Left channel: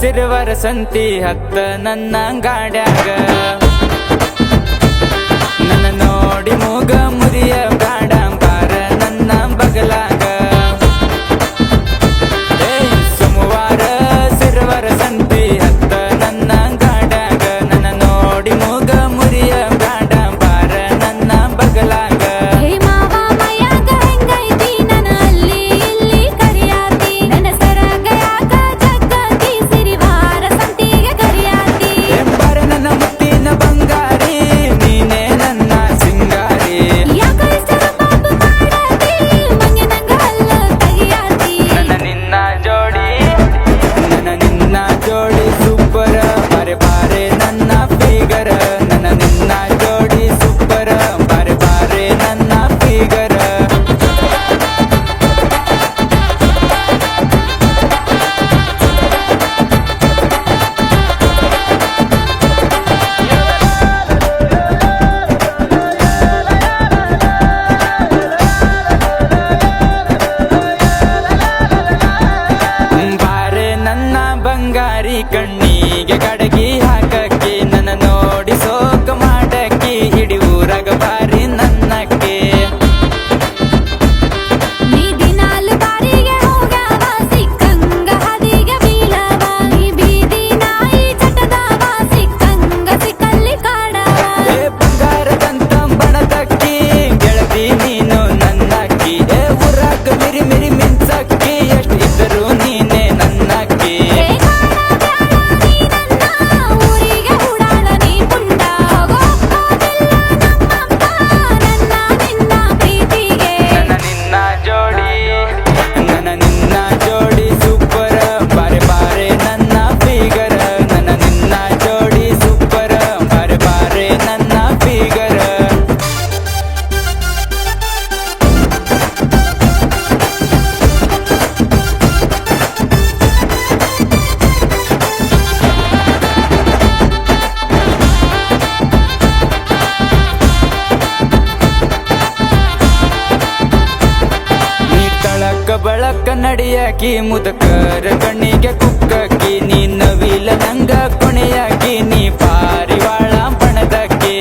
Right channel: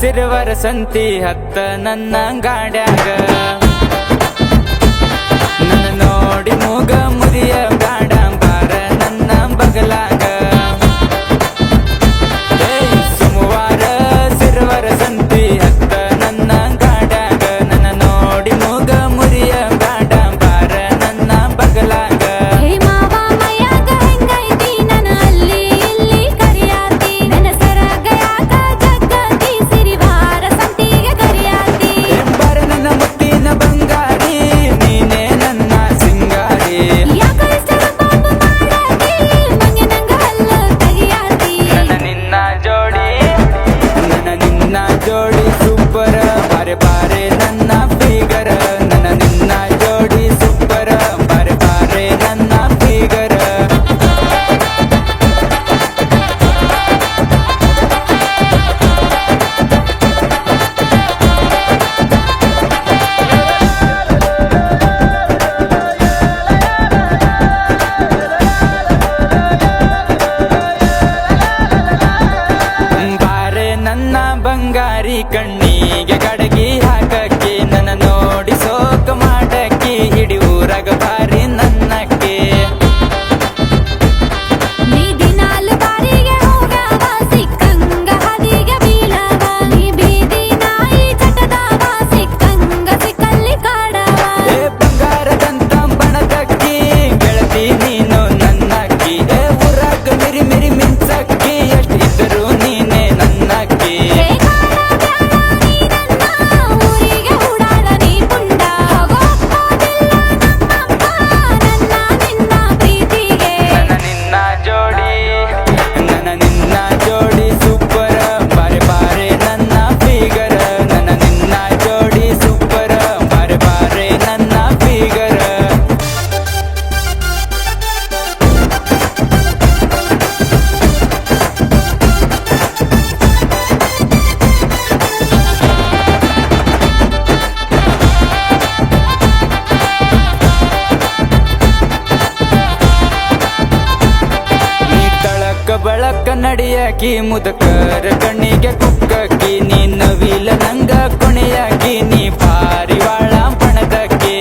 ಸಿರುವರ ಸಂತಿ ಹತ್ತ ನನ್ನ ಗಾಡ್ಯಾಗ ನನ್ನ ನೋಡಿ ಮೂಗ ಮುರಿಯ ಬ್ಯಾಡ ಬಾರ ನನ್ನ ಬಗಲಾಗ ಸೋಮವಾರ ಸಿರುವರ ಸಂತಿ ಹತ್ತ ನನ್ನ ಗಾಡ್ಯಾಗ ನನ್ನ ನೋಡಿ ಮೂಗ ಮುರಿಯ ಬ್ಯಾಡ ಬಾರ ನನ್ನ ಬಗಲಾಗ ಜೋಡಿ ಸೂಪರ ಬಾರೆ ಬಾರೆ ನನ್ನ ಫಿಗರ ನನ್ನ ನಿನ್ನ ಜೋಡಿ ಸೂಪರ ಬಾರೆ ಬಾರೆ ನನ್ನ ಫಿಗರ ಬಂಗಾರಿ ಕಣ್ಣಿಗೆ ಕಡಗಿ ಹಾಕಕ್ಕೆ ನನ್ನ ನೋಡಿ ಸೋಕ ಮಾಡಕ್ಕೆ ಇಡೀ ಊರಾಗ ಬಾರಿ ನನ್ನಕ್ಕೆ ನೀ ದಿನಾಲು ಬಾರಿಗೆ ಹೋಗವ ಸಿಕ್ಕಂಗ ಹದಿಗೆ ಬೀಳವ ನೀ ಬೀದಿ ನಾಯಿ ಚಟದವ ಸಿಕ್ಕಂಗ ಸಿಕ್ಕಲ್ಲಿ ಕಾಡವ ಬಂಗಾರದಂತ ಬಣದಕ್ಕಿ ಗೆಳತಿ ನೀನು ನನ್ನಕ್ಕಿ ಊರಾಗ ಮಿರಿ ಮಿರಿ ಮಿಂಚಕ್ಕಿ ಎಷ್ಟು ಇದ್ದರು ನೀನೆ ನನ್ನಕ್ಕಿ ಜೋಡಿ ಸೂಪರ ಬಾರೆ ಬಾರೆ ನನ್ನ ಫಿಗರ ನನ್ನ ನಿನ್ನ ಜೋಡಿ ಸೂಪರ ಬಾರೆ ಬಾರೆ ನನ್ನ ಫಿಗರ ಬಳಕ ನಡಿಯಾಕಿ ಮುದಕರ ಕಣ್ಣಿಗೆ ಕುಕ್ಕಕ್ಕಿ ನೀ ನವಿಲ ನಂಗ ಕೊನೆಯಾಕಿ ನೀ ಪಾರಿವಾಳ ಬಣದಕ್ಕೆ